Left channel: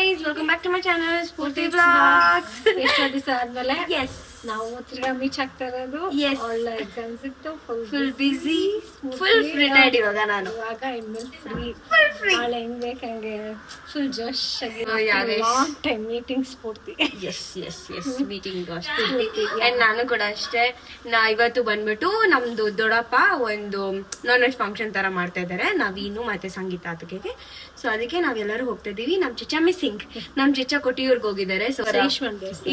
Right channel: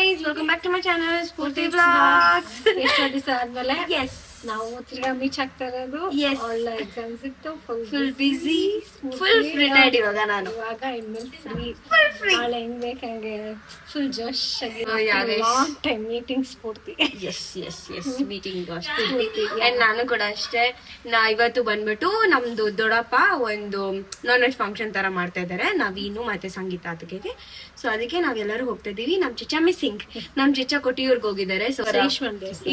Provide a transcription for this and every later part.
guys, welcome back to my channel, Spurti Vlogs. ಎಷ್ಟು ದಿವಸ ಆದ್ಮೇಲೆ Yes. ನಾವು ತಿರ್ಗಾ ಮೀಟ್ ಆಗ್ತಾ ಇರೋದು. Yes. ಒಳ್ಳೆ ಎಕ್ಸಾಮ್ಸ್ ಇತ್ತು, Full busy, full free tired ಇವಾಗ ನಾನು. ಇವಾಗ ಇನ್ಮೇಲೆ ಫ್ರೀ. Full free. ನಾಳೆ ಹೆಂಗ್ ಬೇಕಂಗೆ ಫುಲ್ ಜೋಶ್ ಆಗಿ yeah, guys. Long time meeting Spoorthi. Yes. Meeting Spurti. And ನಾನು ಕೂಡ ಅಷ್ಟೇ. ಇವತ್ತು ಬಂದ್ಬಿಟ್ಟು ನಮ್ದು ದೊಡ್ಡಪ್ಪ ಒಂದು ನಾನ್ ವೆಜ್ ಫಂಕ್ಷನ್ ತರ ಮಾಡ್ತಾ ಇದ್ದಾರೆ, ನವೀನು ಮತ್ತೆ ಸಂಗೀತ ಅದಕ್ಕೆ. ಸೊ ಅದಕ್ಕೆ ನಾವೆಲ್ಲರೂ ಹೋಗ್ತಾ ಇದೀವಿ. ನಮ್ ಚಿಚ್ಚ ಮಿಸ್ಸಿಂಗ್, ನಮ್ ಚಿಚ್ಚ ಕೊಟ್ಟಿಯೂರ್ಗ್ ಹೋಗಿದ್ದಾರೆ. ಸೊ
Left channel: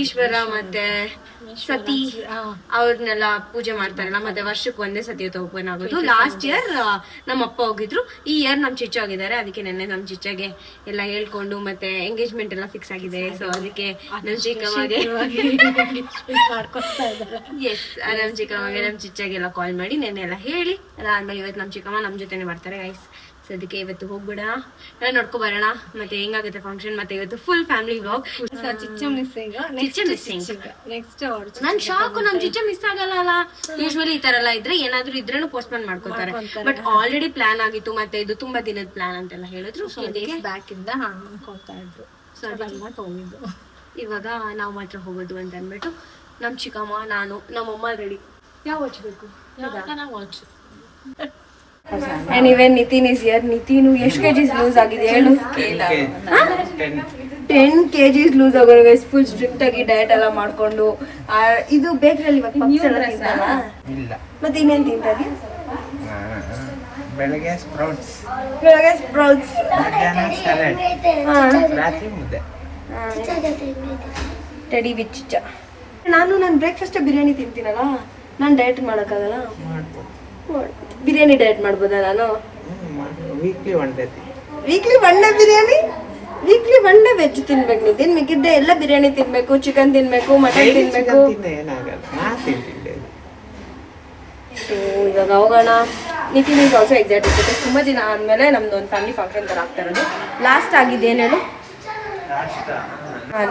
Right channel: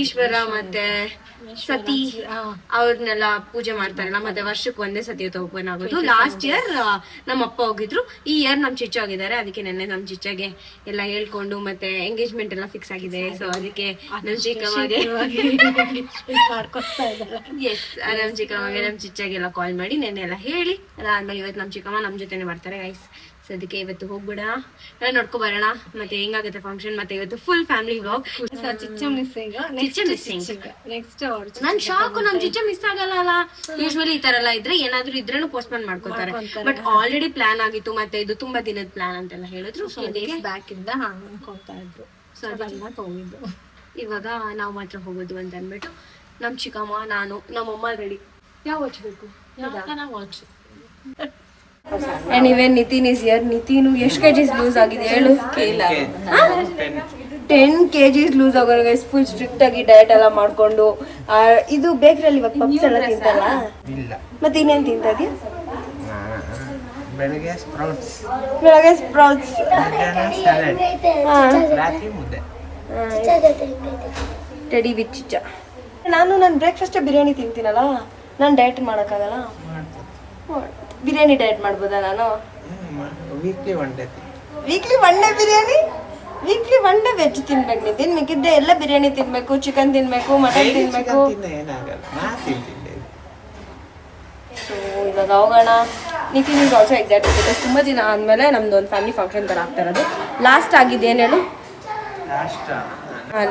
ಈಶ್ವರ ಮತ್ತೆ ಸತಿ ಅವ್ರನ್ನೆಲ್ಲ ಪೂಜೆ ಮಾಡ್ತಾರಲ್ಲ, ಮತ್ತೆ ವರ್ಷಕ್ಕೆ ಒಂದೇ ಸತಿ ಓಪನ್ ಆಗೋದು. ಲಾಸ್ಟ್ ಇಯರ್ ನಮ್ಮ ಅಪ್ಪ ಹೋಗಿದ್ರು, ಈ ಇಯರ್ ನಮ್ ಚಿಚ್ಚ ಹೋಗಿದ್ದಾರೆ. ಅದಕ್ಕೆ ನೆನ್ನೆ ನಮ್ ಚಿಚ್ಚಗೆ ಎಲ್ಲ ಹೇಳ್ಕೊಂಡು ಮತ್ತೆ ಎಂಗೇಜ್ಮೆಂಟ್ ಎಲ್ಲ ಫಿಕ್ಸ್ ಆಗಿದೆ. ಸೊ ಅದಕ್ಕೆ ನಮ್ ಚಿಕ್ಕಮ್ಮಗೆ ಎಸ್ ನಮ್ ಚಿಕ್ಕಮ್ಮಗೆ ನಮ್ ಚಿಚ್ಚಗೆಲ್ಲ ಕಾಲ್ ಮಾಡಿ ನೆನ್ನೆ ಎಲ್ಲ ಹೇಳಿ ಅದಾದ್ಮೇಲೆ ಇವತ್ತು ನಮ್ ಚಿಕ್ಕಮ್ಮ ನಮ್ ಜೊತೆನೆ ಬರ್ತಾರೆ ಗೈಸ್. ಸೊ ಅದಕ್ಕೆ ಇವತ್ತು ಹೋಗ್ಬಿಡ ಎಲ್ಲ ನೋಡ್ಕೊ ಬರೋಣ, ಮತ್ತೆ ಹೆಂಗಾಗುತ್ತೆ ಫಂಕ್ಷನ್, ಮತ್ತೆ ಇವತ್ತು full family vlog. Chichcha missing next ನನ್ ಶಾಕು, ನಮ್ ಚಿಚ್ಚ ಮಿಸ್ ಆಗಲ್ಲ ಅಲ್ಲ. ಯೂಶ್ವಲಿ ಈ ತರ ಎಲ್ಲ ಇದ್ರೆ ಏನಾದ್ರು ಇದ್ರೇನು ಪೋಸ್ಟ್ಪೋನ್ ಮಾಡ್ಕೋತಾರೆ, ಬಟ್ ಆಲ್ರೆಡಿ ಪ್ಲಾನ್ ಆಗಿತ್ತು. ಮತ್ತೆ ಇದು ತುಂಬಾ ದಿನದ ಪ್ಲಾನ್ ಅಂತೆಲ್ಲ ಹೇಳಿದ್ರು. ಸೊ ಬ್ಯಾಕ್ ಇಂದ ಅನ್ಕೊಂತಾ ಇದ್ರು. ಸೊ ಅದೆಲ್ಲ ಹೋಗಿದ್ದು. ಇವಾಗ ನಾವು ಮಾತ್ರ ಹೋಗೋದು ಅಂತ ಅಂದ್ಬಿಟ್ಟು ನಮ್ ಚಿಕ್ಕಮ್ಮ, ನಾನು, ನಮ್ಮಮ್ಮ ರೆಡಿ. ಯಾವ ವಾಚ್ ಬೇಕು? Watch. And even Nitin is here. Nitinu ಎಷ್ಟು kgs ಲೂಸ್ ಆಗಿದೆ ಹೇಳು? 10 kgs ಲೂಸ್ ಆಗೋರು ಗೈಸ್. ಫುಲ್ ಸ್ಟ್ರಿಕ್ಟ್ ಆಗಿ ಡಯಟ್ ಎಲ್ಲ ಮಾಡ್ಕೊಂಡು. ಇದು ಬೇಕರಲ್ಲಿ ಇವಾಗ ಪಪ್ಸ್ ಎಲ್ಲ ತಿಂತಲ್ಲ? ಇಲ್ಲ. ಮತ್ತೆ ಇನ್ನೇನು ತಿಂತದಿ? ಬೆಳಗ್ಗೆ ಸ್ಪ್ರೌಟ್ಸ್, ಮಧ್ಯಾಹ್ನ ಸಲಾಡ್, ರಾತ್ರಿ ಮುದ್ದೆ. Teddy with Chichcha. ನಾನು ಬ್ರೇಕ್ಫಾಸ್ಟ್ ಬಿರಿಯಾನಿ ತಿಂತೀನಲ್ಲ, ನಾನು ಡಯಟ್ ಮಾಡೋಕ್ಕಾಗಲ್ಲ. ಬಿರಿಯಾನಿ ಡಯಟ್ ಮಾಡ್ಬೋದಾ ನಾನು? Weekly one day biryani, weekly one day veg ತಿನ್ಬೇಕು. ನಿತಿನ್ ಮಿಕ್ಕಿದ್ದೆ ಎಲ್ಲ ಬಿರಿಯಾನಿ ತಿನ್ಬೇಕು, ಚಿಕನ್ ತಿನ್ಬೇಕು, ಮಟನ್ ತಿನ್ಬೇಕು. ಏನಾಗಲ್ಲ, ನಾ ತಿಂತಿದ್ದೆ. ಸೊ ಇವಾಗ ಹೋಗೋಣ. Nitin is also excited because ತುಂಬ ದಿನ ಆದಮೇಲೆ ನಮ್ದು ಒಂದು ಫ್ಯಾಮಿಲಿ ಫಂಕ್ಷನ್ ಥರ ಆಗ್ತಾ ಇರೋದು. ಲಾಸ್ಟ್ ಆಗಿದ್ದು ಏನು ಹೇಳು?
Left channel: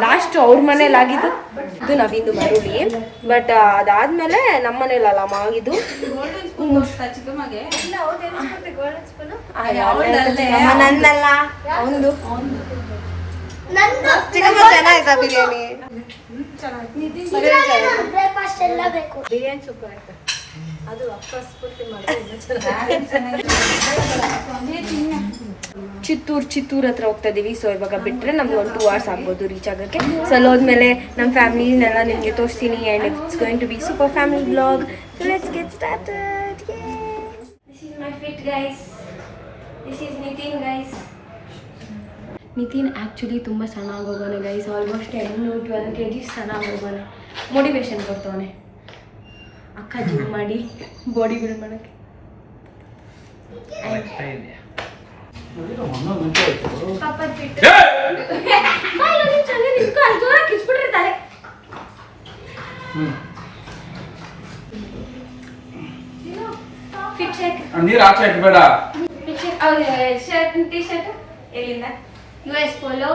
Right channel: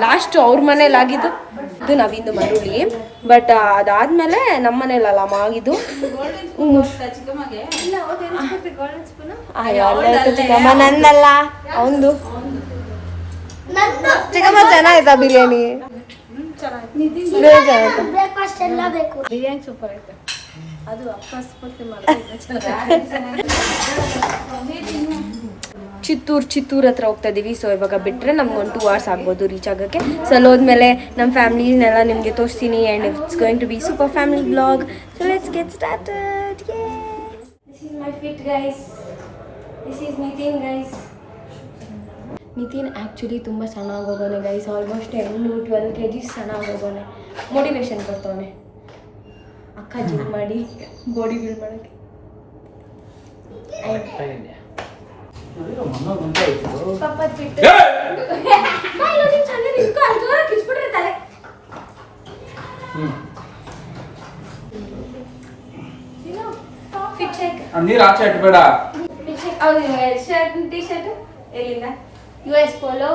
ಲಾಸ್ಟ್ ಅವ್ರ ಮನೇಲಿ ಆಗಿದ್ದು ಇದು ನವಿಂದು ಮರುಳಿ. ಬಟ್ ಅದಾದ್ಮೇಲೆ ನಮ್ಮ ಮನೇಲಲ್ಲ ಆಗಿದ್ದು. ನಂದಲ್ಲ ಅವಂದು. ಚೆನ್ನಾಯ್ತಾ ಬಿರಿಯಾನಿ? ಬಿರಿಯಾನಿ ಸೂಪರ್ ಆಯ್ತು. ಅದು ಅಕ್ಕ ಸ್ಫೂರ್ತಿ ಚಿತ್ತೂರ್ ಹತ್ರ ಹೋಗ್ತಾ ಇದೀವಿ. ಸೊ ಇವಾಗ ಬಿಟ್ಟರೆ ನಮ್ಗೆ ಒಂದು 2 hours ಆಗ್ಬೋದು ರೀಚ್ ಆಗೋಕ್ಕೆ. ಸೊ ಅಲ್ಲಿ ಹೋದ್ಮೇಲೆ ನಮ್ಮ ಫ್ಯಾಮಿಲಿನೆಲ್ಲ ನಿಮಗೆ ತೋರಿಸ್ತೀನಿ. And it's going to be super family vlog. So let's get started. This is my fit guys. This is Nitin guys. Nitin actually ತುಂಬ ಸಣ್ಣ ಆಗೋಗೋನೆ ಗೈಸ್. ಆಲ್ಮೋಸ್ಟ್ 10-12 kgs ಸಣ್ಣ ಆಗೋಗೋನೆ. ಮೋಟಿವೇಶನ್ ಕೊಡ್ತವನೆ ಅಕ್ಕ ಜಿಮ್ ಮಾಡಿ ಬಾಡಿ ಬಿಲ್ಡ್ ಮಾಡೋಕ್ಕೆ. ನೀರು ಆಚೆ ಇಟ್ಬೇಡ. ಟೀ ಶರ್ಟ್ ಎಲ್ಲಿಂದ? US ಪೋಲೋ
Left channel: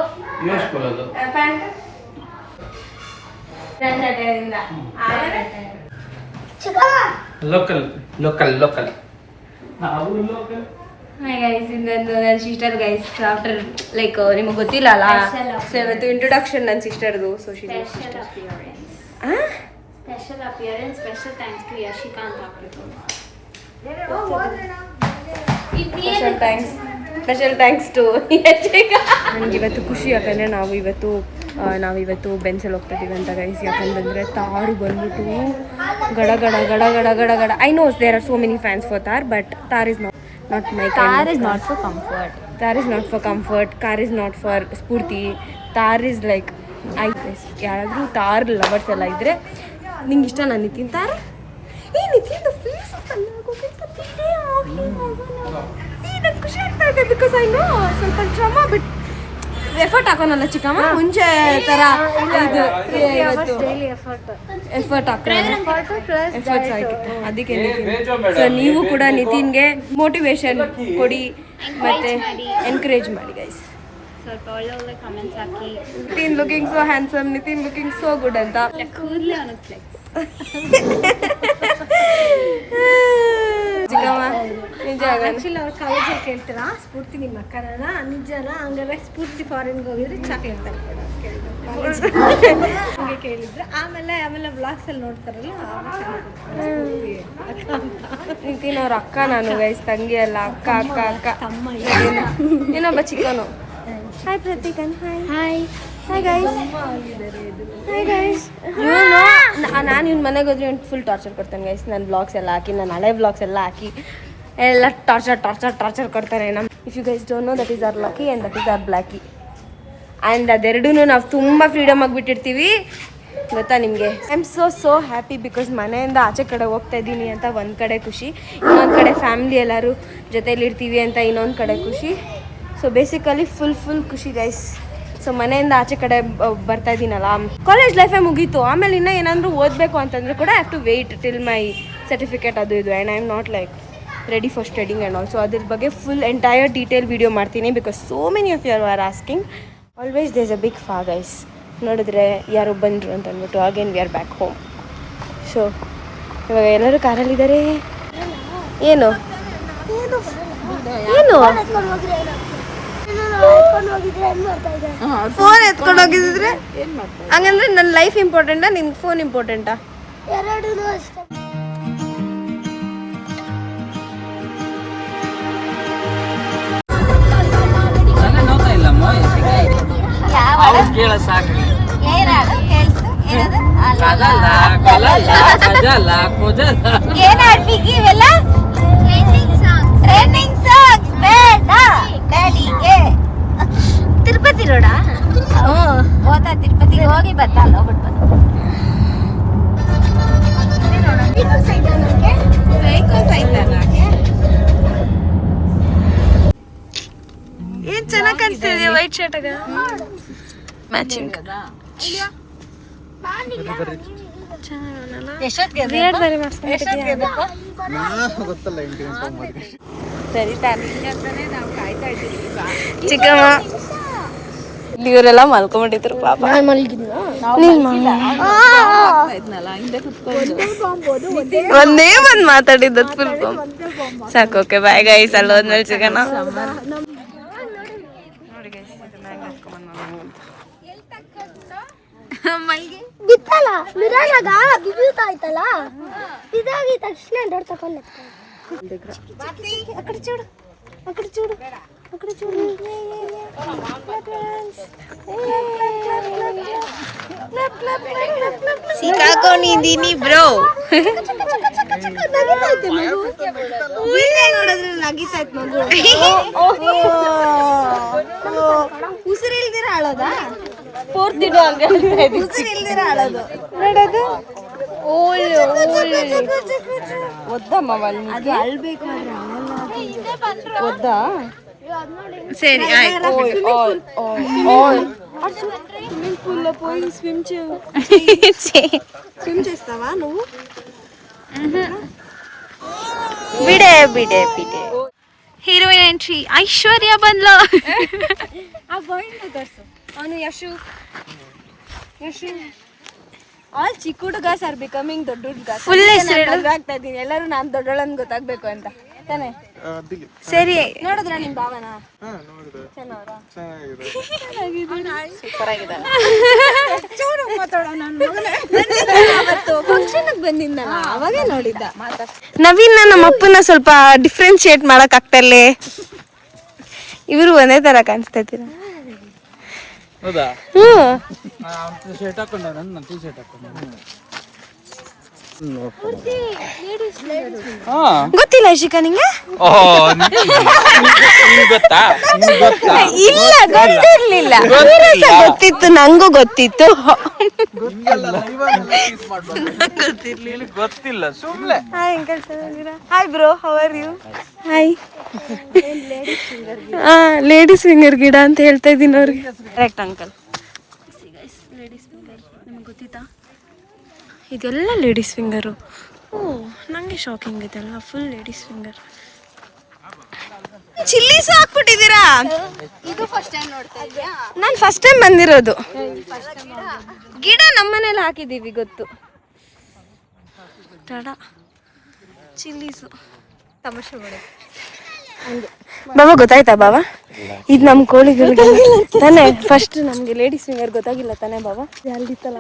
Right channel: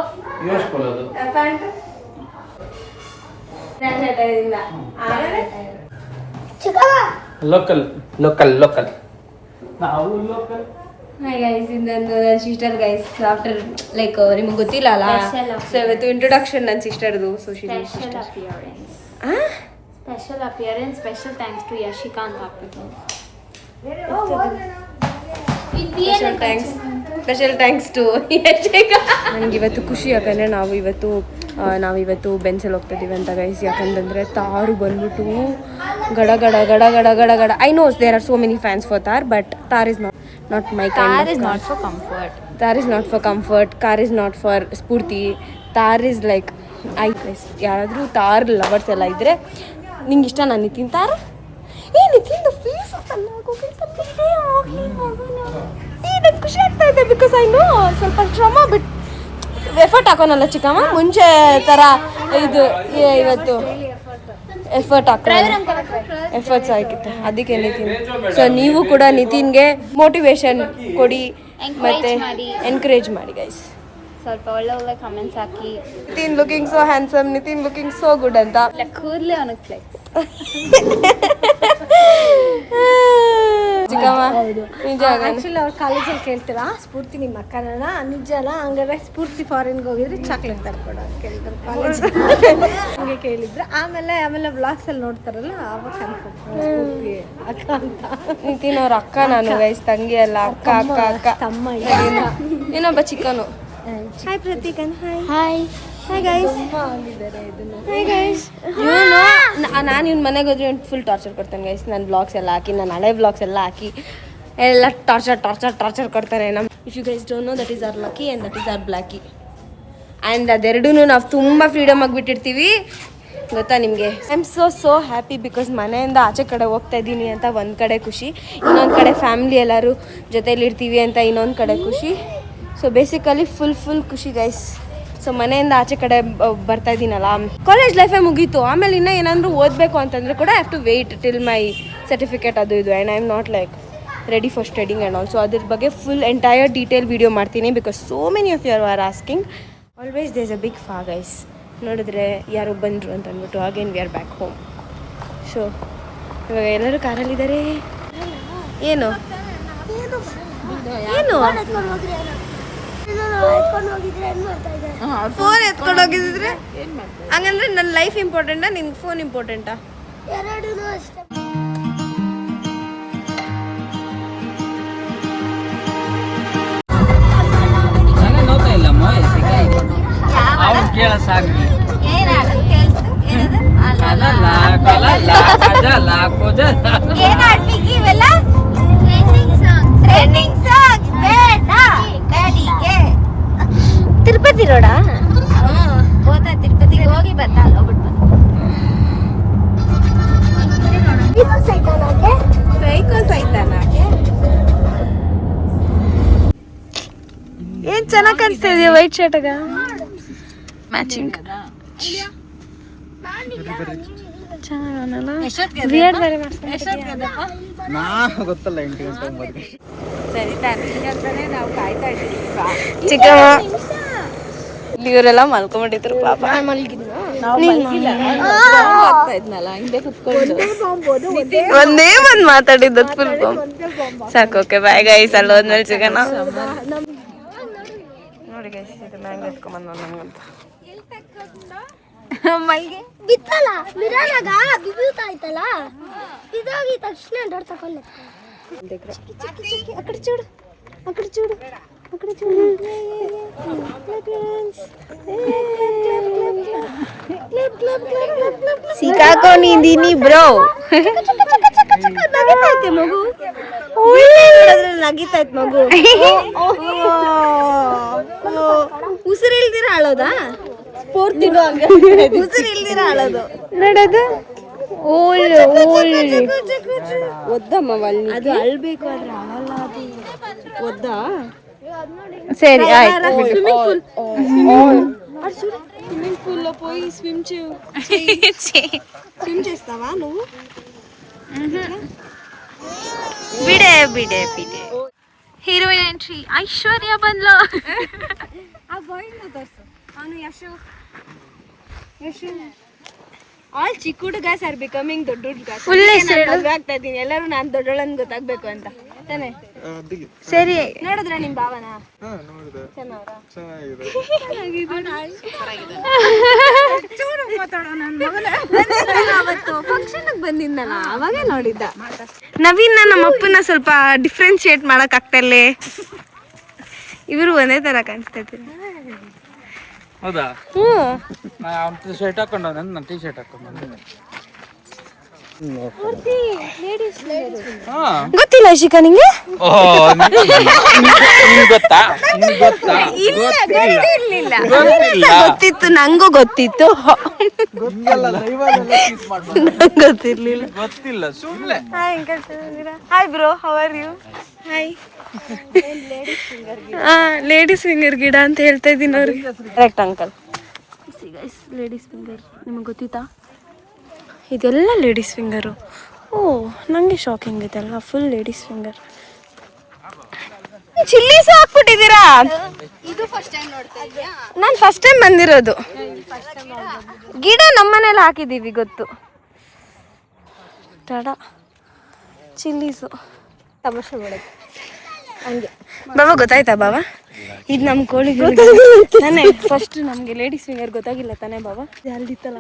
ಅದು ಪ್ಯಾಂಟ್ ಲೋಕಲ್ ನಾವು ಲೋಕಲ್. ಹಾಯ್ ಗೈಸ್, ಇನ್ನೊಂದು ನನ್ನ ಸಿಸ್ಟರ್ ಗೈಸ್. ಆಫ್ಟರ್ ಲೈಕ್ ನಿಮಗೆ ಗೊತ್ತಿಲ್ಲ ಅಲ್ಲ, ಸೊ ಇವತ್ತು ಇಂಟ್ರೊಡಕ್ಷನ್ ನನ್ನ ಸಿಸ್ಟರ್ದು. So special appearance, special thanks to Yashika ಅಂತ ಹಾಕ್ಬಿಟ್ಟು. Special thanks to Yashika. ನನಗೆ ಇವತ್ತು ಖುಷಿ, ಯಾಕಂದರೆ ನಾವಿವತ್ತು ಬೆನ್ಸಲ್ಲಿ ಹೋಗ್ತಾ ಇದ್ದೀವಿ ಅಂತ ಗೈಸ್. ಯಾಕಂತಂದರೆ ತಾರು ಬಂದ್ಬಿಟ್ಟು ಗಡ ಗಡ ಗಡ ಗಡ ಗಡ ಗಡ. I knows there are so many fans for Thar, but Thar is not my kind. Car is of not for comfort. Car is not for comfort. Car is not for Spurti. Tar is like ಯಾರಾದರೂ ತಾರ್ lovers ಎಲ್ಲ ಇದ್ದರೆ ನಿಂಗೆ ಇಷ್ಟ. ನಾನು ನಿತಿನ್ ತಾರ್ ನಿತಿನ್ದು face ನನಗೆ ಖುಷಿ ಆಗ್ತಾ ಇದೆ. ಬಿಕಾಸ್ ಐ ನೋ ಸ್ವಲ್ಪ ಶ್ರಮ ಬಿಟ್ ಎಫರ್ಟ್ ಹಾಕೋನಲ್ಲ ಚಿಕ್ಕಮ್ಮ, ಮುಂಚೆ ಥರ ಇದು ಇವತ್ತು ಎಫರ್ಟ್ ಹಾಕೋಣ. ಎಫರ್ಟ್ಸ್ ಆಯ್ತದೆ ಅದಕ್ಕೆ ನಿತಿನ್. ಸೊ ನೀವು ಕೂಡ ನಿತಿನ್ಗೆ ಮೋಟಿವೇಶನ್ ಕೊಡಿ ಮತ್ತೆ ಎನ್ಕರೇಜ್ ಮಾಡಿ ಗೈಸ್. ಸ್ವಲ್ಪ ಒಳ್ಳೆ ಕಮೆಂಟ್ಸ್ ಹಾಕಿ. Nitin looking so handsome, Nitin looking so good ಅಂತ. ಕೂದಲೇ ಅವನಿಗೆ ಚಿಕ್ಕಮ್ಮ ನಿಜ ಆಕ್ಚುಲಿ ಅವ್ರು ಕಾಲೇಜಲ್ಲಿ ಕೇಳ್ತಾರ ಸ್ಫೂರ್ತಿ ನಿಮ್ಮ ಅಕ್ಕನ ನಿಜನ ಹಂಗಾರೆ ಸ್ಫೂರ್ತಿ ಫಾರಿನ್ಗೆ ಹೋಗಿದ್ರು ಚಾಕ್ಲೇಟ್ ತರ್ಕೊಡ ಹಂಗೆ ಕೇಳಿದ್ರು. ಆಮೇಲೆ ಬ್ಲಾಗ್ಸ್ ಅಲ್ಲಿ ನೋಡ್ತಾರಲ್ಲ ಆವಾಗ ಸ್ಫೂರ್ತಿ ಅಕ್ಕ ಅಂತ. ನಿತಿನವ್ರ ಅಕ್ಕ ನಾನು ಗೈಸ್, ತಂಗಿ ಅಲ್ಲ, ಅಕ್ಕ ಅಕ್ಕ ಅಕ್ಕ ತಮ್ಮ ಇನ್ನೊಬ್ಬ ಚಿಕ್ಕನು. ಹಾಯ್ ಪ್ರತೀಕನ್. Hi hi guys. Hi guys. ನಾನು ಇವ್ನ ಮನೆಗೆ ಹೋದ್ರೆ ಒಂದು ಫುಲ್ ಟಾರ್ಚರ್ ಕೊಡ್ತಾನೆ ಗೈಸ್. ನನ್ನ ಬ್ಲಾಗ್ಸ್ ಎಲ್ಲ ಹಾಕಿ, ನನ್ನ ಹಳೆ ಬ್ಲಾಗ್ಸ್ ಎಲ್ಲ ಹಾಕಿ ಎಲ್ಲ ಟಾರ್ಚರ್ ಕೊಡ್ತಾರೆ. If you guys don't know, that is our lucky and that is our blacky. And ಅದೆರಡೂ ನಾವು ತುಂಬ ಫ್ರೀಡಮ್ ಆಗಿಬಿಟ್ಟಿರ್ತೀವಿ ಗೊತ್ತಾ ನಿಮಗೆ. I am so happy because ಮನೆಯಿಂದ ಆಚೆ ಕಡೆ ಹೋಗ್ತಾ ಇದ್ದೀನಿ ಅಂತ ಒಂದು ಕಡೆ ಖುಷಿ, ಇನ್ನೊಂದು ಕಡೆ ಫ್ಯಾಮಿಲಿ ಎಲ್ಲರೂ ಜೊತೆಲಿರ್ತೀವಿ ಅಂತ ಇನ್ನೊಂದು ಕಡೆ ಖುಷಿ. ಸೊ ಬೇಸಿಕಲಿ ಫುಲ್ ಖುಷಿ ಗೈಸ್. ಸೊ ಮನೆಯಿಂದ ಆಚೆ ಕಡೆ ಬರ್ತಾ ಇದ್ದೀನಲ್ಲ, ಕಾಲೇಜ್ ಲೈಫೇ ಮುಗೀತು. ಆಮೇಲೆ ಇನ್ನೂ ಏನಾದರೂ ಓದಬೇಕು ಅಂತಂದರೆ ಕೂಡ I have to wait till my certificate ಅದು ಇದು. And I am not like ready for studying and also ಅದ್ರ ಬಗ್ಗೆ ಫುಲ್ ಎಂಟೈರ್ ಡೀಟೇಲ್ ವೀಡಿಯೋ ಮಾಡ್ತೀನಿ because so many of you are asking. Always there is a big ಫಾ guys. ನೋಡಿದ್ರೆ ಯಾರೋ ಬಂದರು ಅಂತ ಅಂದ್ಬಿಟ್ಟು again we are back home. So ಇವಾಗ ಎಲ್ಲರೂ ಕಾರಲ್ಲಿದ್ದಾರೆ. ಏನು ಫೋನ್ ಎತ್ಕೊಂಡು ಹೋಗಿದ್ರೆ ಹಂಗಂದ್ರೆ ನನ್ನ ಲೈಫ್ ಇಂಪಾರ್ಟೆಂಟಾ ನಿಮ್ಗೆ ಫೋನ್ ಇಂಪಾರ್ಟೆಂಟಾ? ಎರಡೂ ಅಷ್ಟೇ. ನೋಡ್ತಾ ಇಲ್ಲ ಅವ್ರು ಕೇಳ ಸಾಕು. ತಿರುಪತಿ ರೋಡಾ? ಹೋದ ತಿರುಪತಿಗೆ ಹೋಗಿ ಬಂದ. ಏನ್ ಚೆನ್ನಾಗಿ ಕಾಣಿಸ್ತಾ ಇದೆಯಾ ವೈಟ್ ಶರ್ಟ್ಗ ಮ್ಯಾಚಿಂಗ್. ಚಿಕ್ಕಮ್ಮ ಇವರೆಲ್ಲ ಮಲ್ಕೊಂಡ್ಬಿಟ್ಟಿದ್ರು ಪಾಪ. ಒಂದೇ ಒಂದ್ ಮಾತಾಡಿದ್ದು ಫುಲ್ ಸಾಕು. ಓಕೆ ಬಾಯ್ ಗೈಸ್, ಅಲ್ಲಿ ಹೋದ್ಮೇಲೆ ಸಿಗೋಣ. ನೋಡಿ ಗೈಸ್, ಇದು ಮ್ಯಾಂಗೋ ಎತ್ಕೊಂಬಂದು ನನಗಂತ ಬಿತ್ತಲ್ಲ ಮಿರಾನಾಗ ಬಿಬ್ಯೂತಾ ಆಯ್ತಲ್ಲ, ಇದಾಗಿ ತಕ್ಷಣ ಡೋರ್ ತಗೊಂಡು ಆ ಕಡೆ ಚೂಡು, ಆ ಕಡೆ ಚೂಡು, ಆ ಕಡೆ ಚೂಡು. ಸಿಕ್ಕಾಕೊಂಡಿದ್ದೀನಿ ಬ್ರೋ. ನಗಿತೈತೆ ಮಗು, ನಗಿತೈತೆ ಮಗು. ಉಸಿರಿಲ್ದಿರ ಅಳೋದಾ? ಪೂರ್ತಿ ಉಸಿರಿಲ್ದಿರ ಅಳೋದು ನೋಡೋದು. ಒದ್ದಮ್ಮ ಅದು ಅಳ್ಬೇಕು ಆದ್ರೆ ಅಳಲ್ಲ. ಅದು ಒದ್ದಾ? ಸರಿ స్విమ్మింగ్ పూల్ లో పోయి స్విమ్ చేస్తావా నువ్వు? ಬಿಡೆ ಹೀರೋಯಿನ್ ಎಂಟ್ರಿ ಐಶ್ವರ್ಯ ಬಂದ್ಲು. ಆ ಬಾಯ್ನ ತೋರ್ಸು. ಅವನು ಯಶು ಆಲ್ ಚಿಕ್ಕ ಹುಡುಗ ಆರ್ ಬಿಕಮಿಂಗ್ ದೊಡ್ಡ ಹುಡುಗ. ಆಗ್ತಾ ಇದ್ದೀನಿ, ಎಲ್ಲರೂ ನಾನು ದೊಡ್ಡೋಳನ್ ಗೊತ್ತಾಗ್ಬೇಕು ಅಂತ ತಾನೆ. ಸರಿ ನೋಡಿದ್ರ ನಿಮ್ ಭಾವನ ಅವತ್ತು ಫಂಕ್ಷನ್ ಬಂದಿದ್ನಲ್ಲ ಅವಾಗೇ ನೋಡಿದ್ದ. ನವೀನ್ ನಮ್ಮ ಅಪ್ಪನ ಸ್ವಲ್ಪ ಡಿಫ್ರೆನ್ಶಿಯೇಟ್ ಮಾಡಕ್ ಆಗ್ತಲ್ಲೇ. ಇವರು ಒಂದೇ ತರ ಕಾಣಿಸ್ತಾ ಇದ್ದೀರಾ? ಹೌದಾ? ಶರ್ಟ್ ಹಾಕೊಂಡ, ನಾನು ಟೀ ಶರ್ಟ್ ಹಾಕೊಂಡ. ಗೊತ್ತಿಲ್ಲ ಶಿಖಾ ನಿಂಗೆ? ಗೊತ್ತಿತ್ತು, ನಂಗೂ ಗೊತ್ತಿತ್ತು. ಗೊತ್ತಿಲ್ಲ ಸುಮ್ಮನೆ. Hi bro, how are you? Hi. Ladies finger ಗಿಡ ಅಂತ ಹೇಳ್ತಾ ಇದ್ದೀನಿ ಅವ್ರಿಗೆ. Correct uncle. ಲೇಡೀಸ್ ಫಿಂಗರ್ ನಿಮಗೆ ಗೊತ್ತಿತ್ತಾ? ಇದೆಲ್ಲ ಲೇಡೀಸ್ ಫಿಂಗರು. ಓ, ನನಗೆ ಶಾಕಿಂಗ್ ಇದೆಲ್ಲ ಫುಲ್ ಲೇಡೀಸ್ ಫಿಂಗರ್. ಚಿಲ್ಲೀಸ್ ಹಾಕ್ಬಿಟ್ಟಿದ್ದೀರಾ? ನಾನು ಫಸ್ಟ್ ಟೈಮ್ ಬಂದಿರೋದು. ಗಿಡ ನಮ್ಮನೇಲಿ ಹಾಕಿದ್ದೀವಿ ಗೊತ್ತು. ಟಡ ಚಿಲ್ಲೀಸು ತಮಾಷೆ ಮಾಡೋದು. ಬಾಬಾ ಗೊತ್ತಾಯ್ತಾ ಬಾಬಾ? ಇದು ನಮ್ಮ ಕೋಳಿಗಳು ತಾನೇ. ಫಸ್ಟ್ ನಮ್ಗೆ ಲೇಡೀಸ್ ಫಿಂಗರ್ ಗೊತ್ತಾಗಿಲ್ಲ ತಾನೇ ಬಾಬಾ? ಅಲ್ಲಿತ್ತಲ್ಲ,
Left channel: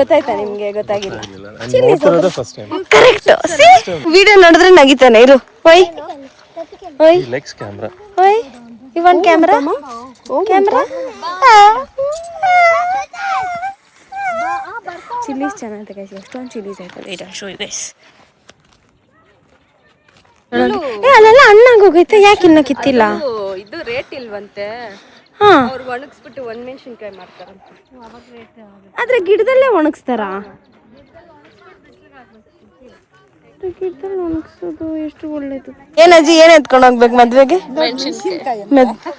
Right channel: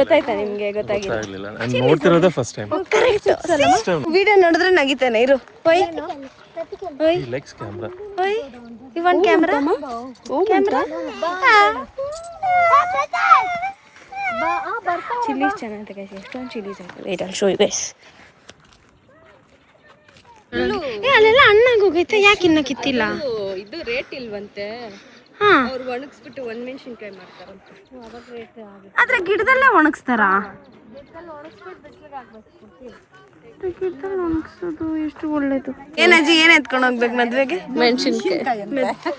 ಗೊತ್ತಾಯ್ತಾ ನಿಮ್ಗೆ? ಗೊತ್ತಾಗಿಲ್ಲ. ಕರೆಕ್ಟ್. ವಿಡಿಯೋ ನೋಡಿದ್ರೆ ನಗಿತಾನೆ. ಇರು ಓಯ್ ಓಯ್ ಓಯ್. You want camera? Camera. Chillies ಚೆನ್ನಾಗಿದೆ ಗೈಸ್. ಎಷ್ಟೊಂದು ಚಿಲ್ಲೀಸ್ ಆಯ್ತು. Wait I show you guys. ಅಲ್ಲೆಲ್ಲ ಹಣ್ಣಾಗೋಗೈತೆ. ಯಾಕೆ ಇನ್ನ ಕಿತ್ತಿಲ್ಲ? ಇದು ರೇಟ್ ಇಲ್ವಂತೆ. ಹಾ, ಅವ್ರು ಒಣಗಿಸ್ಬಿಟ್ಟು ಒಣಮೆಣಸಿನ್ಕಾಯಿ ಮಾಡ್ತಾರೆ. ಆದ್ರೆ ಗಿಡದಲ್ಲೇ ಒಣಗಿಸ್ತಾರಾ? ಗಿಡದಲ್ಲಿ ಒಣಗಿಸೋದು ಎಷ್ಟು ಒಳ್ಳೇದು. ಏನಜ್ಜಿ, ಏನ್ ಎತ್ಕೊಂಡು ಹೋಗ್ಬೇಕು ಮದ್ವೆಗೆ?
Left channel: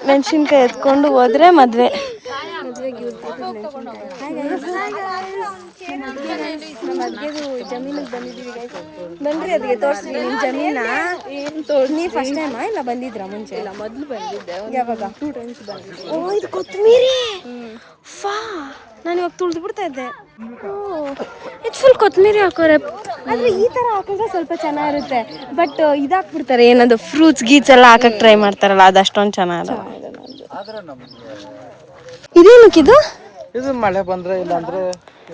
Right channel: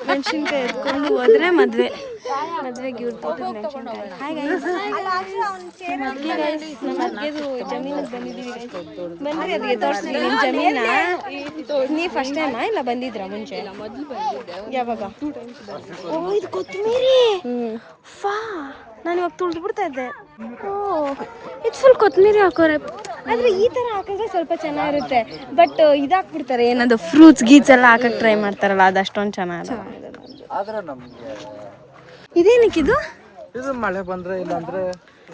ಮೆಣಸಿನ್ಕಾಯಿ ಎತ್ಕೊಂಡು ಹೋದ್ರೆ ಮದ್ವೆಗೆ ಇವ್ರ ತೋಟದ ಮೆಣಸಿನ್ಕಾಯಿ. ಹಾಯ್ ಗೈಸ್, ನಮ್ಮ ಅದ್ಗೆ ಗೈಸ್, ನಮ್ಮ ಅದ್ಗೆದು ಜಮೀನಿಗೆ ಬಂದಿದ್ದೀವಿ ಗೈಸ್. ಬನ್ರಿ ಅದಕ್ಕೆ ತೋರಿಸ್ರಿ ನಿಮ್ಮ ಜಮೀನ. ನೀ ಫಸ್ಟ್ ಟೈಮಾ ಇಲ್ಲ ಬಂದಿದ್ರಾ ಮುಂಚೆ? ಮೊದಲು ಬಂದಿದ್ದೆ. ಯಾವಾಗ? ಓ, ಇದು ಕೊತ್ತಂಬರಿ. ಫಾ, ನಾನು ಇವಾಗ ತುಳಿದು ಬಿಡ್ತಾ ಇದ್ದೆ. ಓ, ಇದು ಫುಲ್ ಕೊತ್ತಂಬರಿ ಹಾಕೋರೆ. ಆದ್ರೆ ಈ ತರ ಹಾಕಿದ್ರೆ ಸ್ವಲ್ಪ ಚೆನ್ನಾಗಿರುತ್ತೆ. ಬಟ್ ಇದಾಕ್ಬಿಡ್ತಾರೆ, ಏನದು ಫ್ರೂಟ್ಸ್ ಗೀಟ್ಸ್ ಎಲ್ಲ ಹಾಕಕ್ ಟ್ರೈ ಮಾಡ್ತಾರಲ್ಲ, ಅದು ಅಷ್ಟೊಂದು ಚೆನ್ನಾಗಿರಲ್ಲ. ಇದೇನಕ್ಕಿದು? ಇದು ಮಳೆ ಬಂದ್ರೆ ಇಲ್ಲಾಂದ್ರೆ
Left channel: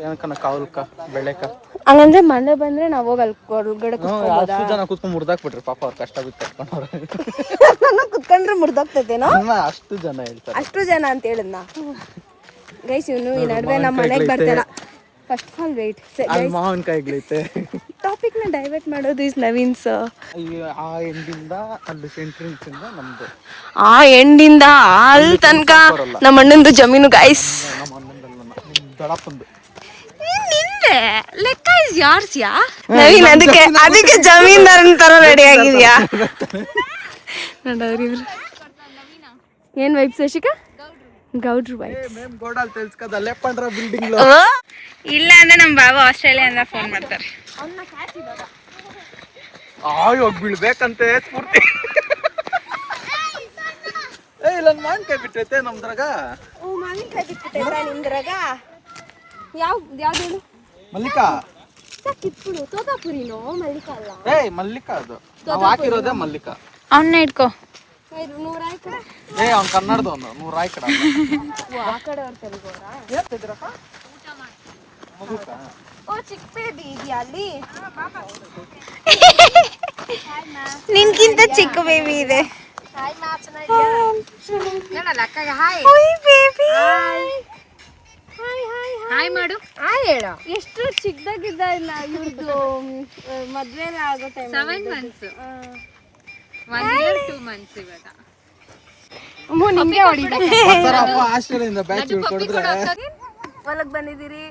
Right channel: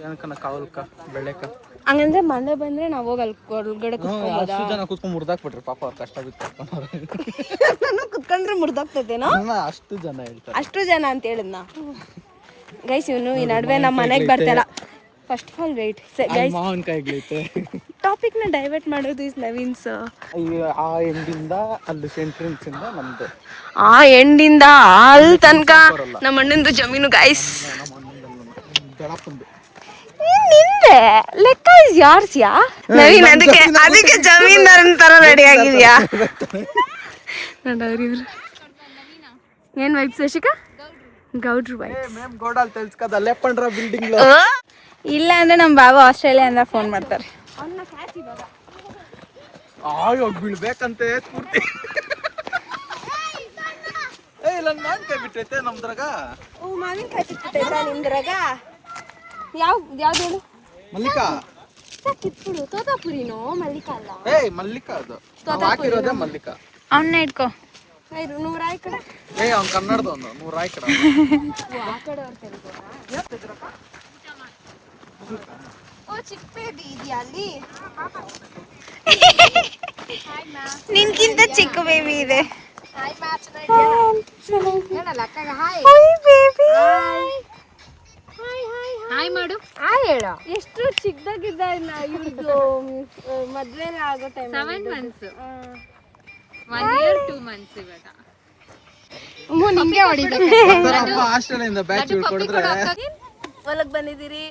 ಏನಕ್ಕನ ಕಾವಲ್ಕ ಬೆಳೆಕ. ಹಂಗಂದ್ರೆ ಮಳೆ ಬಂದ್ರೆ ನಾವು ಹೋಗಿ ಅಲ್ಲಿ ಹೊರಗಡೆ ಕುತ್ಕೊಂಬೋದಾ? ಜನ ಕುತ್ಕೊಂಡು ಮುರ್ದಾಕ್ಬಿಟ್ರಿ ಪಾಪ, ಅವ್ರು ಕಷ್ಟ ಬಿತ್ತು ಕುತ್ಕೊಂಡ್ರೆ ಮುರ್ದೋಗ್ತದೇನೋ. ಅಷ್ಟು ಜನ ಹೇಳ್ತಾರೆ. ಅಷ್ಟು ಜನ ಅಂತ ಹೇಳಿದ್ನಾ ಗೈಸ್? ಇವನು ಈ ನಡುವೆ ನಮ್ಮ ಮನೆಗೆ ಬರ್ತಾರ. First of all wait guys, ಮಾವಿನಕಾಯಿಗಳೈತೆ. ಟಾಪಿಕ್ ನ ಡೈವರ್ಟ್ ಮಾಡೋದು ಇಸ್ ನವೀನ್ಸ್. ಆ ಎಂಡಿಂದ ಅಲ್ಲಿ ಸೆಂಟ್ರಿಂಗ್ಸ್ ಇಂದ ನಮ್ದು, ಆ ಎಂಡಿಂದ ಅಲ್ಲಿ ತನಕ ನಮ್ಮ ಅಣ್ಣಂದು ಜಮೀನು ಗೈಸ್. ನಮ್ಮ ಅಣ್ಣಂದಲ್ಲ, ದೊಡ್ಡಪ್ಪಂದು. ನಿಂದೆ ಲೆಕ್ಕ ಇಸ್ ಯಾರ್ಸ್ ಯಾ ನವೀನ್? ಅದಕ್ಕೆ ಜಮೀನ್ದಾರನ ತರ ರೆಡಿ ಆಗಿದ್ಯಾ ನೋಡವ್ರಿವ್ರು. ಏನ್ ವೈಬ್ ಶಶಿಕಾ? ಗೌಡ್ರು ವೈಬ್. ಇಲ್ಲ ಅಂದ್ರೆ ನಮ್ಮ ಬಾಬಾ ಆಸ್ಟ್ರೇಲಿಯಾದಿಂದ ಫೋನ್ ಮಾಡ್ತಾರೆ. ಇವಾಗ ಬೀಳ್ಬೇಕಂತೆ ಪೂರ್ತಿ. ಇಲ್ಲ ಮಾವಿನಕಾಯಿ ಬಿಟ್ಟೈತೆ ನಮ್ದ್ರಾಗ. ಓ, ಮಾವಿನಕಾಯಿ ಬಿಟ್ಟಿದೆ ನಿಮ್ದ್ರಾಗ? ಯಾವ್ದು ಹೇಳು? ಮಲ್ಲಿಕಾ. ಕಿತ್ಬಿಡು. ತೋತಾಪುರಿನೋ ಮಲ್ಲಿಕಾ ಅಲ್ಲ? ಮಲ್ಲಿಕಾ ಅದು ನಾವು ಹಾಕಿರೋದೇ ಮಲ್ಲಿಕಾ. ಅವನ್ನ ಇಟ್ಕೋ. 100 ರಾಯ್ ಕಡೆ. ಅವ್ನು ಕನ್ನಡದವನು 100 ರಾಯ್ ಕಡೆ. ಆ ಕಡೆ ಅವ್ರ ತೆಲುಗೋರಾ? ಓ, ಚಿಕ್ಕ ಬೇಬಿ ಇದೆಯಾ ಅಲ್ಲಿ? ನಿನ್ಗಿಂತ ಚಿಕ್ಕ ಬೇಬಿ ಇದೆ. ಹೇಳಲ್ಲ ಅಕ್ಕಗೆ ಹಾಯ್. ಹಾಯ್ ಮಾಡು. ಹಾಯ್ ಹೇಳು. ಎಷ್ಟು ಚಿಕ್ಕದಾಗಿದ್ದ ಇವ್ರದ್ದು ಮದ್ವೆ ಆಗೋ ಟೈಮ್? 7 months. 1 year 2 months ಇವಾಗ. ನಿಮ್ಗೆ ಹೊಡಿಬೇಕು. ಆಸ್ಟ್ರೇಲಿಯಿಂದ ಬ್ಯಾಚ್ ಕೊಡಿದ್ರೆ ಹೊಲಕ್ ಬಂದಿದ್ದೀರಿ.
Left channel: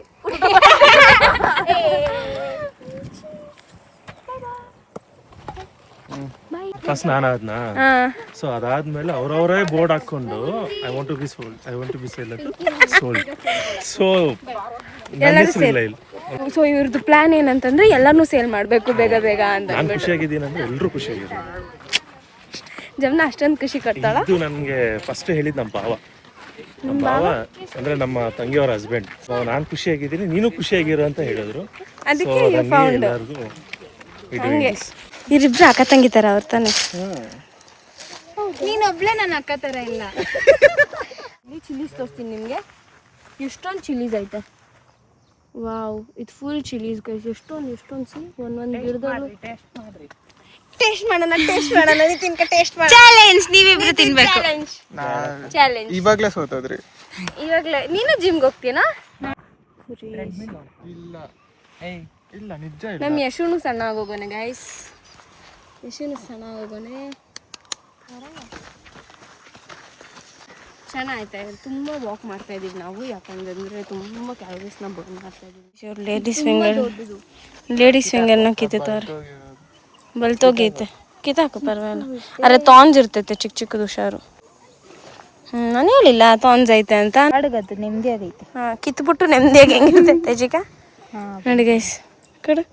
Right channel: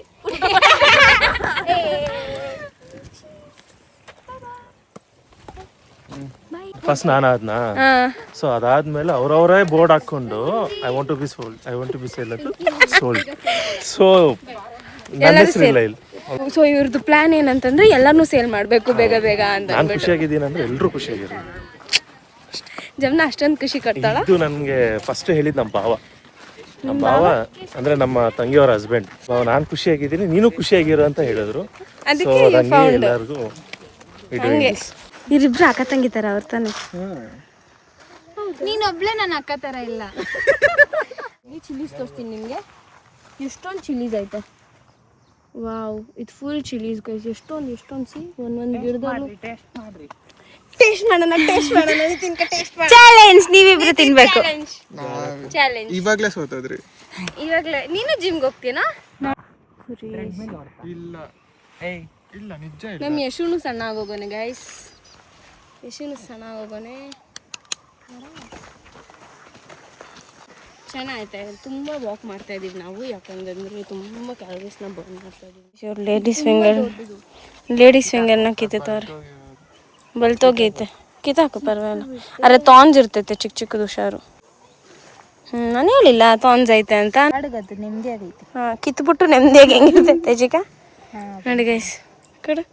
ಫಸ್ಟ್ ನಾನು ಆದ್ನಾ, ಸೊ ಅದಾದ್ಮೇಲೆ ಅವ್ರವರೇ ಬೋರ್ಡ್ ಹಾಕೊಂಡು I want to be sold, I want to be sold, so so ಇವ್ರದ್ದು ಪ್ಲಾನ್ ಏನಂತಂದ್ರೆ ಎಲ್ಲಾನು ಸೇಲ್ ಮಾಡ್ಬೇಕು ಬೇಗ ಬೇಗ ಅಂತ. ನಾನು ಖುಷಿಯಾಗಿದ್ದೀನಿ ಅಂದ್ರೆ ಎಲ್ಲರೂ ಖುಷಿಯಾಗಿದ್ದೀನಿ. ಜಮ್ನ ಅಷ್ಟೊಂದು ಖುಷಿ ಕೊಡ್ತಾಳ. ಇದು ನನಗೆ ಫಸ್ಟ್ ಹೇಳಿದ್ ನಮ್ಮ ಭಾವ ಅಂದ್ರೆ ನಮ್ಮ ತಂಗಿಯವರ ಹಸ್ಬೆಂಡ್. ನಾನು ಖುಷಿಯಾಗಿದ್ದೀನಿ, ನೀನು ಖುಷಿಯಾಗಿರು ಅಂತ ಹೇಳಿದ್ರು. ಅದಕ್ಕೆ ಎಲ್ಲರಿಗೂ ಹಂಗೆ ಇವ್ರಿಬ್ರು ಅಕ್ಕ ತಂಗಿ ತರ ಅವ್ರ ತಾನೆ. ನೀನೊಬ್ಳೆ ನನ್ನ ಅಕ್ಕ ತರ ಇಲ್ಲ. ಚಿಲ್ಲೀಸ್ ತೋರಿಸ್ತೀನಿ ನಿಮ್ಗೆ. ಎಷ್ಟೊಂದು ಚಿಲ್ಲೀಸ್ ಐತೆ. ವಾವ್, ಇದು ಫುಲ್ ಚಿಲ್ಲೀಸ್ ಗೈಸ್. ಎಷ್ಟೊಂದು ಸಿ ಒಂದೊಂದು ಗಿಡದಲ್ಲೂ. ಟೇಸ್ಟ್ ಮಾಡೋಣ. ಚಾಲೆಂಜ್, ನೀವಿಬ್ರು ತಿನ್ಬೇಕು. ಚಾಲೆಂಜ್. ಇವಾಗ್ಲೇ ಸೋತೋದ್ರಿ. ಇವಾಗ್ಲೇ ನೀನು ಜಿಮ್ಗೆ ಹೋಗ್ತೀನಾ? ಇಲ್ಲ ನಿಜ. ನಮ್ಮ ಯಶುನು ಸಣ್ಣ ಆಗೋಗೋನೆ ಗೈಸ್. ಯಶುನು ಸಣ್ಣ ಆಗೋಗೋನೆ. ಚೆನ್ನಾಯ್ತಾ? ಇವಾಗ ತುಂಬ ವಾಕ್ ಮಾಡ್ತಾ ಇದೀವಿ ನಾವು. ಯಾಕಂದ್ರೆ ತುಂಬ ಕ್ಯಾಲರೀಸ್ನ ಬರ್ನ್ ಮಾಡ್ತಾ ಇದೀವಿ. ಲೇಡೀಸ್ ಫಿಂಗರ್ನ ಕಿತ್ತವ್ರೆ. ಬಲ್ತೋಗೈತೆ. ಕಿತ್ತಾಕು ಪರವಾಗಿಲ್ಲ. ಅರೆ ತಾನ್ಸ್ ಇರ್ತೈತೆ ಚಿಕ್ಕ ಚಿಕ್ಕದು ಹುಷಾರು. ನಾನು ಹೇಳಿಲ್ಲ ತಾನ್ಸ್ ಐತೆ ಅಂತ. ನೆಮ್ಮದಿ ಆಗೈತೆ. ಹಾಂ, ಕಿತ್ಬಿಟ್ಟು ನೆಮ್ಮದಿಯಾಗಿ ಹೆಂಗಿರ್ತೈತೆ ಚಿಕ್ಕ. ನೋಡಿ ಗೈಸ್ ಕಡೆ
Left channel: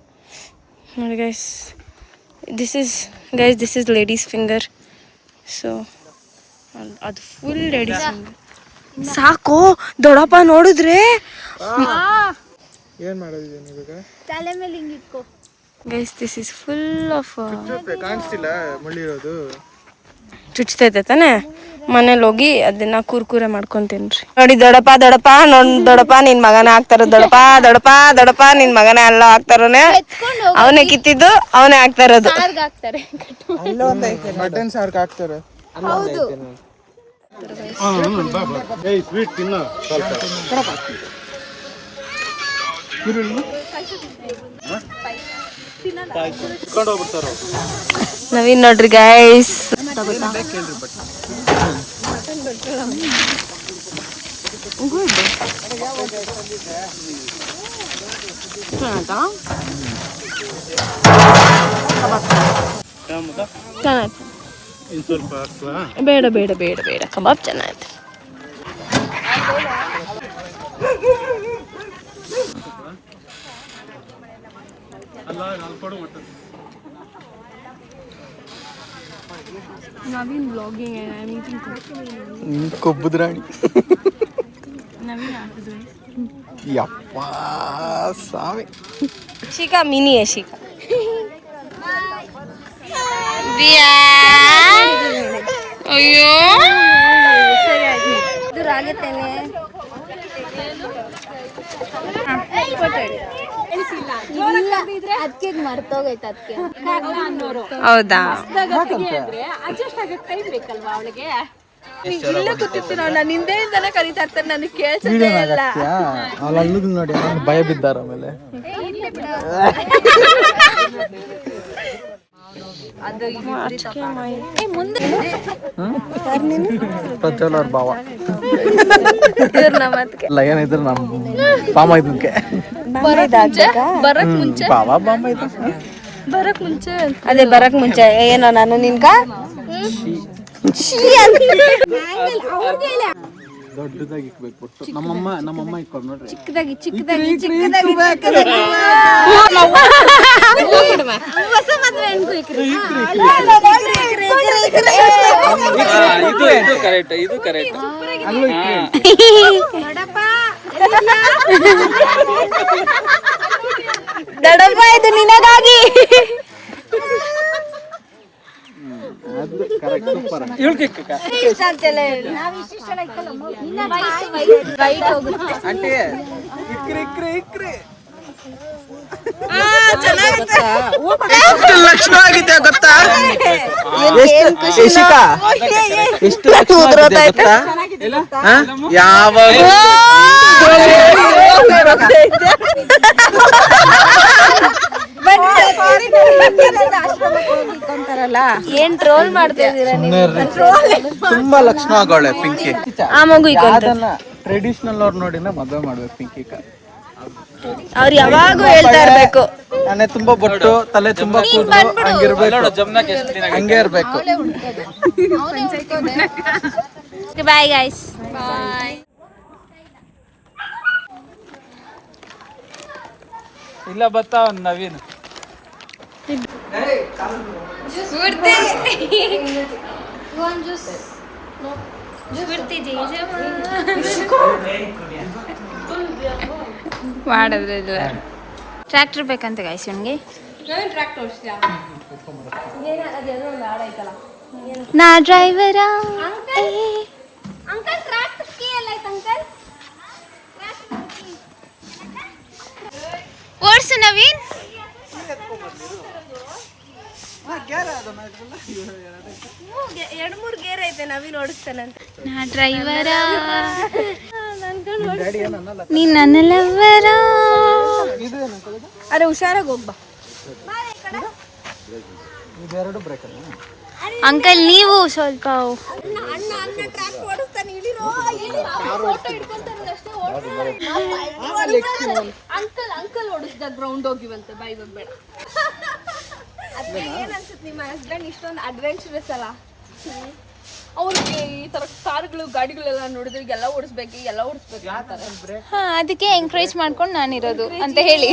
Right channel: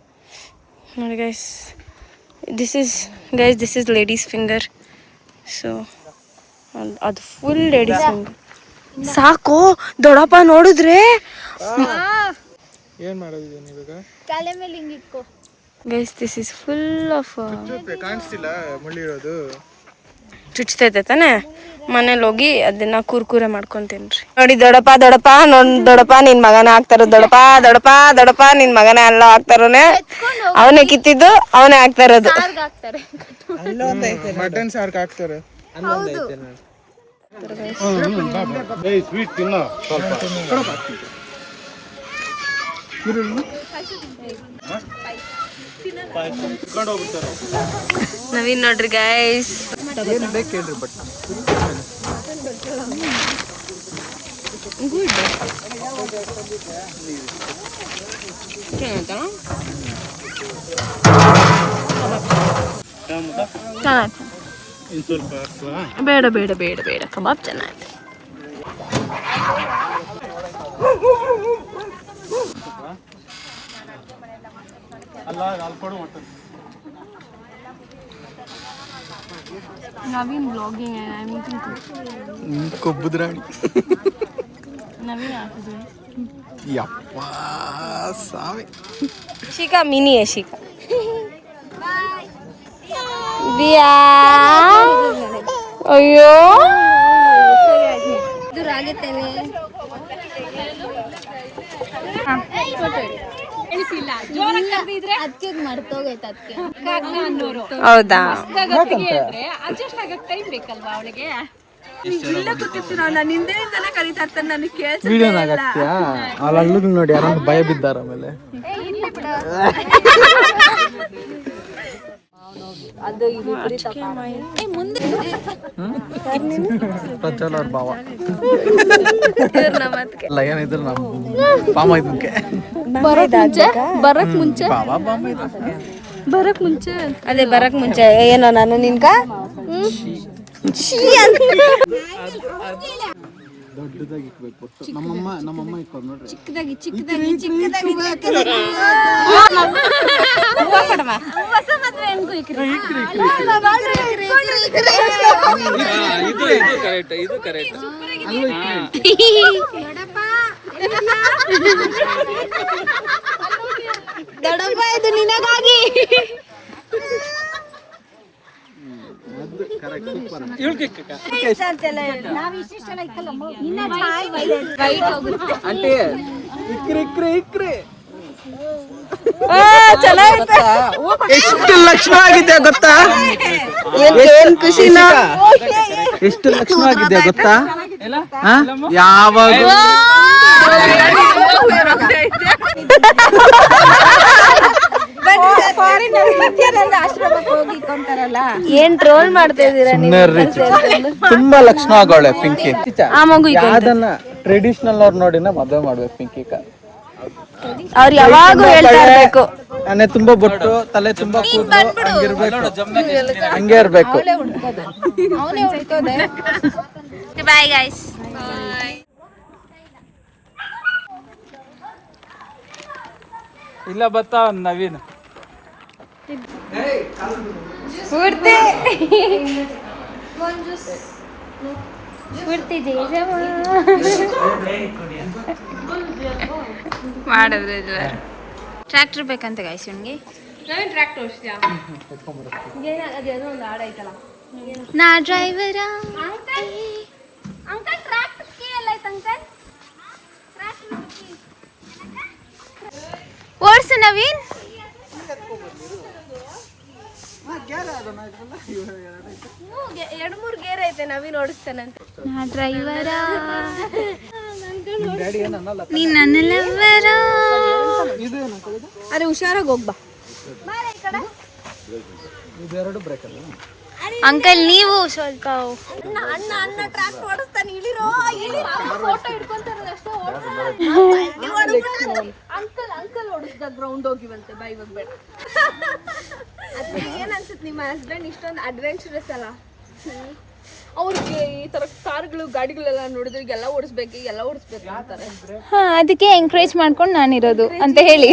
ನೋಡಿ guys, this is ladies finger. So ಅದು ಫುಲ್ ಲೇಡೀಸ್ ಫಿಂಗರ್. ಸಾಕು ದೊಡ್ಡಪ್ಪ ನೋಡಿದ್ರೆ. ಏನ್ ಮಾಡೋದಿದೆ ಇವಾಗ? ತಲೆ ಮೇಲೆ ಹಿಂಗೆ ಇಟ್ಕೋ. Guys this is full of ಕಾಣಿಸ್ತಿಲ್ಲ ಮುಳ್ಳಿ ಇರೋದು. ಚುಚ್ತೈತೆ ತಾನೆ. ಮನೇಲಿ ಹೋಗಿ ಅದನ್ನ ಕುರ್ಕುರೆ ಮಾಡ್ಕೊಂತೀನ್ರಿ. ನೋಡಿ ದೊಡಪ್ಪ ದೊಡಪ್ಪ ದೊಡಪ್ಪ ನಿನ್ ಮಗನೇ ಆಗ್ತಾರ. ದೊಡಪ್ಪ ದೊಡಪ್ಪ ದೊಡಪ್ಪ ನಿನ್ ಮಗನೇ ಎಲ್ಲ ಆಗ್ತಾರೋನೆ. ಅವನೇ ಕಿತ್ತಿದ್ದು ಅವನೇ ಆಗ್ತಾ ಇರೋದು. ಮಟನ್ ಸಾರ್ಕ್ ಹಾಕ್ತಾರೆ. ಸ್ವೀಟ್ ತಿನ್ನೋ ಸ್ವಲ್ಪ. ನವೀನ್ ನೋಡ್ರಿ ಗೈಸ್. ಬೇಡ ಬೇಡ ಬೇಡ ಬೇಡ ಕಬಾಬ್ ಚೆನ್ನಾಗೈತೆ. ನವೀನ್ ಬ್ಲಾಗಿಂಗ್ ಕೊಬ್ಬದ ರಾಣಿ. ಯಪ್ಪ ಸಾವಿ. ಶಿಖಾ ಮಿನಿ है ಶಿಖಾ. ದಿಯಾ ಅಯ್ಯೋ ದೂರ ಆಗುತ್ತೇನೆ. ಹೌದಾ ಅಲ್ಲಿ ನೋಡಿ ಯಾರು ಭಯ ಬಿದ್ದಾರ. ಆಮೇಲೆ ಪ್ರಜ್ವಲ್ ಅವ್ರ ಭಾವ ಲಯನ್ ಇದ್ರು ನಮ್ ಬಾಮ ಇದಕ್ಕೆ ಭಾವ ಬಾಮ ಇದ್ದ ಬರಕ್ ಮುಂಚೆ. ಅದೇ ಬರಕ್ ಮುಂಚೆ ಏನೋ ನಾನು ನಿನ್ಗ ದೊಡ್ಡದಾಗಿ ಇಕ್ಬೇಕು. ನಮ್ಮಮ್ಮ ಇಕ್ಕೊಂಡು ನೋಡ್ರಿ. ಚಿಕ್ಕದಾಗಿ ದೊಡ್ಡಪ್ಪ ಇದು ನಿನಗಾಗಿ. ಎಷ್ಟು ಲಕ್ಷಣ ಆಗಿದೆ ಗೊತ್ತಾ? ಎಷ್ಟು ಲಕ್ಷಣ ಆಗಿದೆ ಗೊತ್ತಾ? ಯಾವಾಗ ಏನ್ ಟ್ರೋಲ್ ಮಾಡ್ತಾ ಇದೀರ? ತುಂಬಾ ಲಕ್ಷಣ ಆಗೋಳೆ ಪಿಂಕಿ. ಆ ಮಗು ಟ್ರೆಡಿಷನಲ್ ಅವ್ರು ನೋಡಿನ ಮದುವೆ ಮಾಡ್ಬೇಕು ಪಿಂಕಿ. ಅವ್ರು ಯಾವಾಗೂ ಹೇಳ್ತಾ ಇರ್ಬೇಕು ಮನೆ ತುಂಬಾ ಬೊಟ್ಟು, ತಲೆ ತುಂಬಾ ಕೂದಲು, ಹಂಗೆ ಇರ್ಬೇಕು. Bye guys. ಇಲ್ಲ ಬತ್ತಾ ನವೀನ್ ಮಾಡಿದ್ರೆ ಟ್ರ್ಯಾಕ್ಟರ್ ಬೇಕಂತ ಗಾಯ್ಸ್ ನನಗೆ. ನಾ ಡ್ರೈವರ ಓಡ್ಸು ನವೀನ್. ಎರಡು ಮೂರು ಗೇರ್ ಐತೆ ನವೀನ್ ಓಡಿಸ್ತಾನಂತ. ನಾ ಡ್ರೈವರ ನೀನ್ ನನ್ನ ಲವ್ವರ. ಅರೆ ಹುಷಾರಾಗಿ ಹೋಗ್ಬಾ ಅಂಕಲ್. ನೀವು ಸ್ವಲ್ಪ ಗ್ರೌಂಡ್ ಹೋಗಿವಂತ ಬೈ ಬೇಡ. ಏನ್ ಅನ್ಸುತ್ತೆ ನಿಮ್ಮ ಹಸ್ಬೆಂಡ್ ಇಷ್ಟೊಂದು ಅಡ್ವೆಂಚರಸ್ ಅಲ್ಲ? ಅವ್ರಿಗೆ ಈ ತರ ಕಾರ್ಗಳು ಗಾಡಿಗಳೆಲ್ಲ ನೋಡಿದ್ರೆ ಎಲ್ಲ ಓಡಿಸ್ಬೇಕು ಅಂತಾರೆ. ಅದಕ್ಕೆ ಎಂಕರೇಜ್ ಮಾಡ್ಕೊಂಡು ನಾನಿರೋದು ಅಂತ ಹೇಳಿ.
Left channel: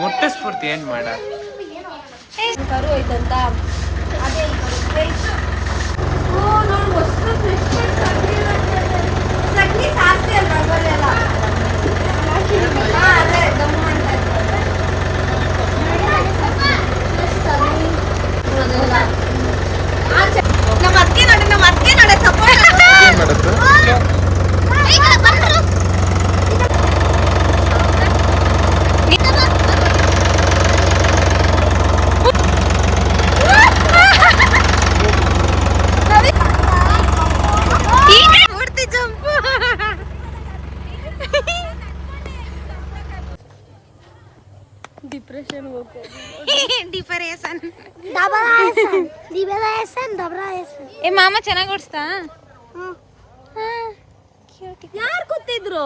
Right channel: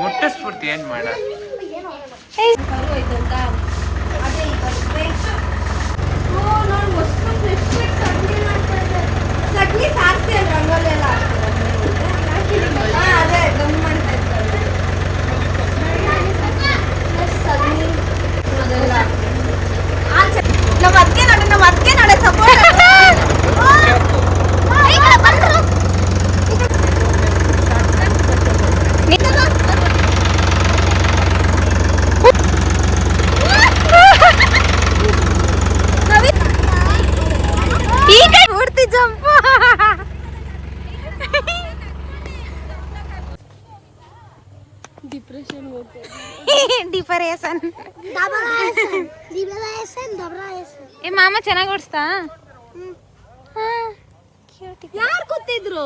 ಮೊಟ್ಟೆ ಸ್ಫೂರ್ತಿ ಏನ್ ಮಾಡ ಕರು ಐತಂತ ಚಟ್ನಿ ಸಾರಿಸಿ ಅಲ್ಲಿ ರಂಗೋಲಿ ಎಲ್ಲ ಅದೇ ಗಮ್ ಮಾಡ್ತಾ ಇದ್ದಾರೆ. ನಮ್ಮ ಅತ್ತಿಗೆ ನೋಡಿ ಈಗ ಪೂರ್ತಿ ಜಂಪ್. ಡಿಪ್ರೆಷನ್ ಏ ಮಾಮ ಚೆನ್ನಾಗಿ ಓಡಿಸ್ತಾ. ಯಾರು ಕೂತಿದ್ರು?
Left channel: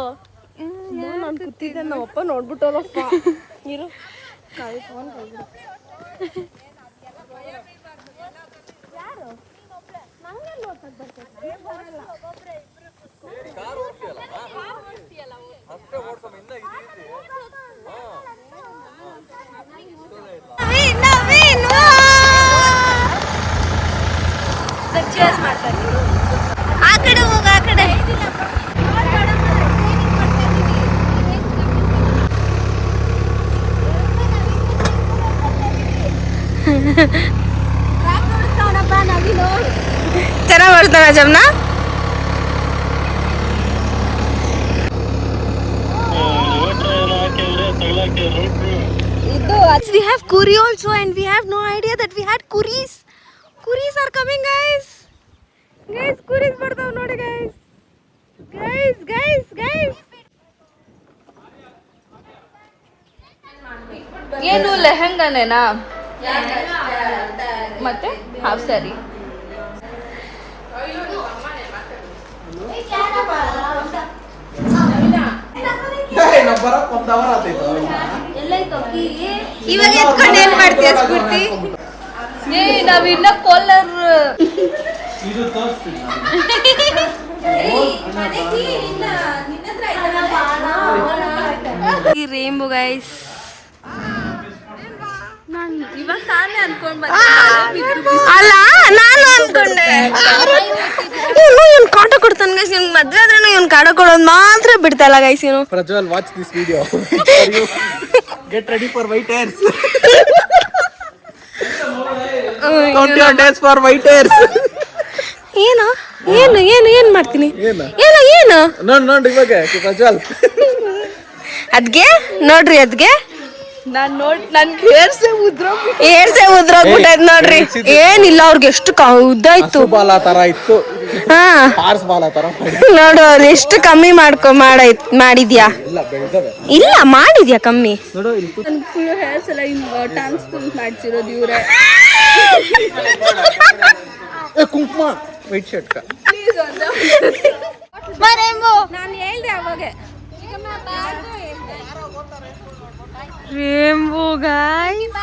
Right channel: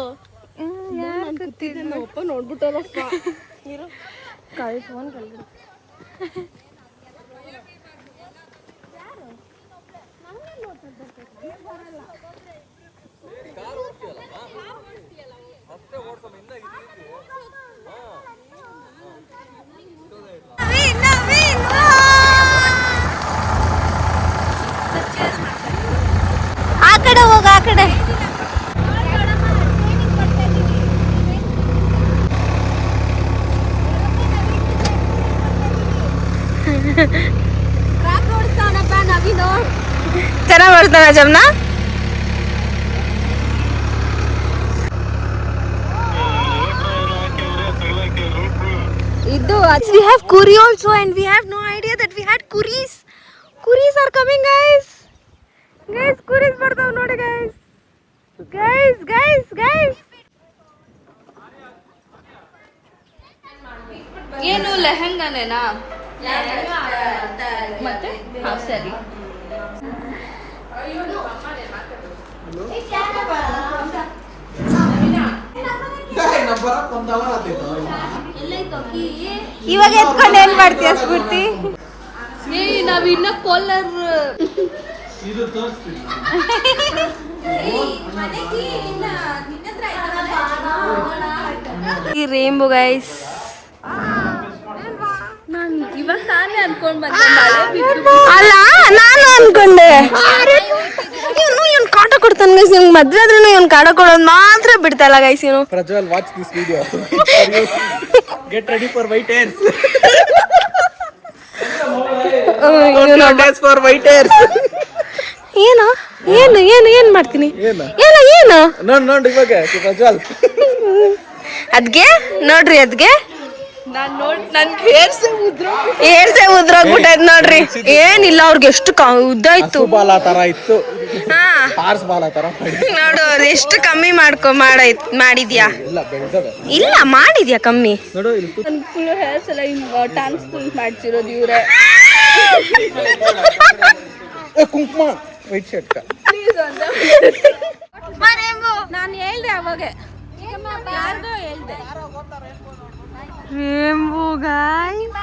ನಾನು ಕೂತಿದ್ದೆ, ನಮ್ಮಪ್ಪ ನೋಡ್ಬಿಟ್ಟವ್ರಪ್ಪ. ಇರು ಆ ಕಡೆ ಹೋಗ, ಆ ಕಡೆ. ಚೆನ್ನಾಗಿ ಓಡಿಸ್ತಾನ ಜಮ್ನ. We have curry also and we have no idea that we had curries. Curries are coming, guys. Guys, curries ಬರ್ತಾವ ನೋಡಿ guys. Guys. ಏನು ಲೆಹಂಗಾನೇನಾ ಮತ್ತೆ ಹಾಫ್ ಸ್ಯಾರಿ? ಇವಾಗ ಎತ್ಕೊಂಡು ಏನ್ ಮಾಡ್ತೀಯ ಸ್ಫೂರ್ತಿ? ನಾವಿನ್ನ ಕೋಲರ್ ಈ ರೇಂಬೋ ಗೈಸ್. ಇವಾಗ ತಾನೇ ಅನ್ಕೊಂಡ್ ಅಲ್ಲ, ನಾನು ಅನ್ಕೊಂಡೆ ಇವನು ಕಾಟ ಕೊಡ್ತಾನೆ ಗೈಸ್. ಇವ್ನು ಮದ್ವೆ ಆದ್ರೂ ಇವ್ನು ಕಾಟ ಕೊಡೋದು ಮಾತ್ರ ಬಿಡ್ತಾ ಇಲ್ಲ ಗೈಸ್. ಇವನು Prajwal, watch this video. Get ready for white hairs. For white hairs. ಏನು ಮಾಡ್ತೀನಿ? ಏನು ನೋಡಿ ಇವಾಗ ಪ್ರಜ್ವಲ್ ಅದ್ಗೆ ನೋಡ್ರಿ, ಅದ್ಗೆ ನನ್ಗೆ ಹೇರ್ಸೆ ಉದ್ರೋಗ್ಬಿಟ್ಟೈತ್ ನೋಡ್ರಿ. ಏನಿಲ್ಲ, ಅವ್ರಿಗೆ ಎಷ್ಟು ಉದ್ದ ಇತ್ತು, ಬಾಲ ತರ ಇತ್ತು. ಹಾ ಹಾರ್ಸ್ ಬಾಲ ತರ ನೋಡು, ಅವ್ರು ಎಷ್ಟು ಕಮ್ಮಿ ಮಾಡಿದ್ಯಾ? ಇಲ್ಲ, ಬೆಳ್ದವೆ. ಇಲ್ಲ, ಮಾಡಿದ್ಯಾ ಕಮ್ಮಿ? ನೋಡು ಇಲ್ಲಿ ನನ್ಗೆ ಫುಲ್ ಹೇರ್ಸ್ ಎಲ್ಲ ಟ್ರಾನ್ಸ್ಪ್ಲಾಂಟ್ ಮಾಡ್ಸಿರೋದು ಇವ್ರೆ. ಕುಂಕುಮ ವೈಟ್ ಶರ್ಟ್. ನಾನು ಹೇಳ್ದೆ ಅವಾಗ, ಯಾರ್ದೋ ಹೇಳ್ದೆ. ರೇಂಬೋ ಗಾಯ್ಸ್,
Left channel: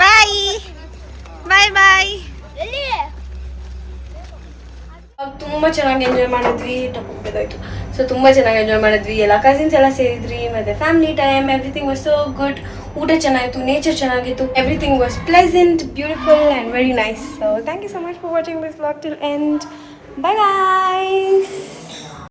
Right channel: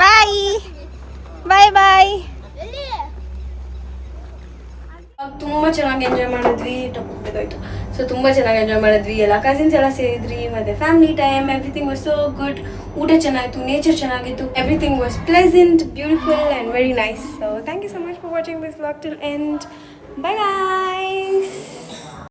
ಬಾಯ್. ತುಂಬಾ ಚೆನ್ನಾಗಿ ಎಂಜಾಯ್ ಮಾಡಿದ್ವಿ. ಸೊ ತುಂಬಾ ಚೆನ್ನಾಗಿ ಎಂಜಾಯ್ ಮಾಡಿದ್ವಿ. ಎಲ್ಲ ಕಸಿನ್ಸ್ ಎಲ್ಲ ಸೇರಿದ್ರಿ, ಮತ್ತೆ family time, everything was so good. ಊಟ ಚೆನ್ನಾಗಿತ್ತು, ನೇಚರ್ ಚೆನ್ನಾಗಿತ್ತು, everything was pleasant, beautiful and very nice. So thank you so much for watching this vlog till end. Bye guys.